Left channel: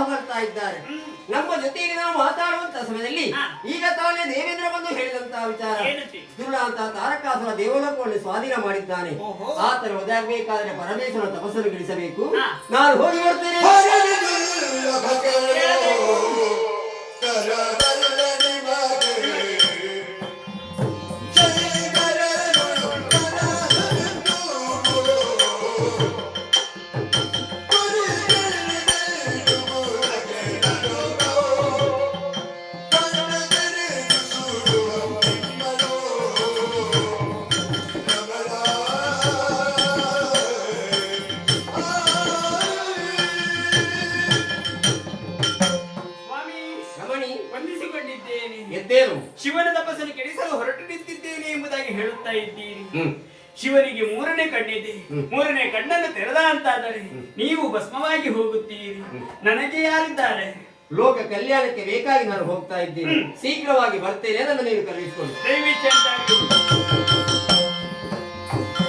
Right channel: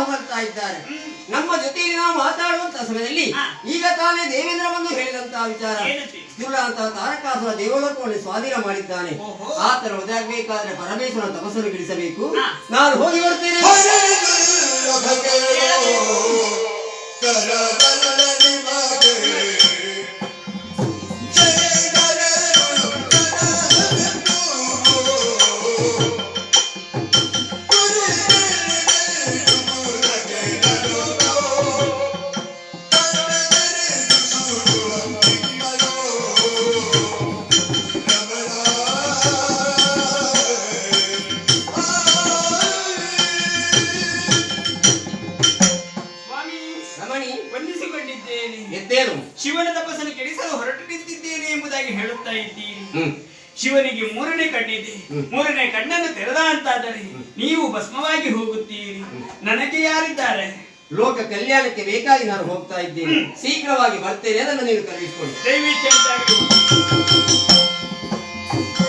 ಹೊಗಳ್ತಾ ಇದ್ದಾರೆ. ನಮ್ಮ ಜೊತೆಯಲ್ಲಿ ನಾವು ಮಾತಾಡುವಂತ ಸಮಯದಲ್ಲಿ ಈಗ ತಾನೇ ದೇವೇಂದ್ರ ಬಂದು ಹೇಳಿದಂತಹ ವಿಚಾರ, ದುರುಳ ಅಂತ ತಾರಕಾಸುರ ದೇವಲೋಕವನ್ನು ಸ್ವಾಧೀನ ಮಾಡಿದ್ದಾನೆ. ಆತನ ಒದಗಬೇಕಾದ್ರೆ ಪರಮೇಶ್ವರನ ತಪಸ್ಸನ್ನು ಗಿಳಿಸಬೇಕು. ನಾನು ಹೋಗಿ ಬರ್ತೇನೆ. ಶಿವನ ತಪಸ್ಸನ್ನು ಕೆಡಿಸಲು ಹೊರಟು ನಿಂತಿದ್ದೇನೆ ಎಂಬುದಾಗಿ ಹೇಳುತ್ತಾ ಇದ್ದೀರಿ. ಶಿವನಿಗೆ ಮೂರನೇ ಕಣ್ಣಿದೆ. ಮೂರನೇ ಕಣ್ಣನ್ನು ತೆರೆದ ಅಂತಾದರೆ ನೀವು ಭಸ್ಮವಾಗಿ ಹೋಗುತ್ತೀರಿ. ನನಗೆ ಯಾರಿದ್ದಾರೆ? ಲೋಕ ಕಲ್ಯಾಣಕ್ಕೆ ಬೇಕಾಗಿ ನಾನು ಹೋಗ್ತಾ ಇದ್ದೇನೆ. ಶೀಘ್ರವಾಗಿ ಬರ್ತೇನೆ. ಅದನ್ನು ನೀವು ಕಲಿಸಿಕೊಂಡು ದಯವಿಟ್ಟು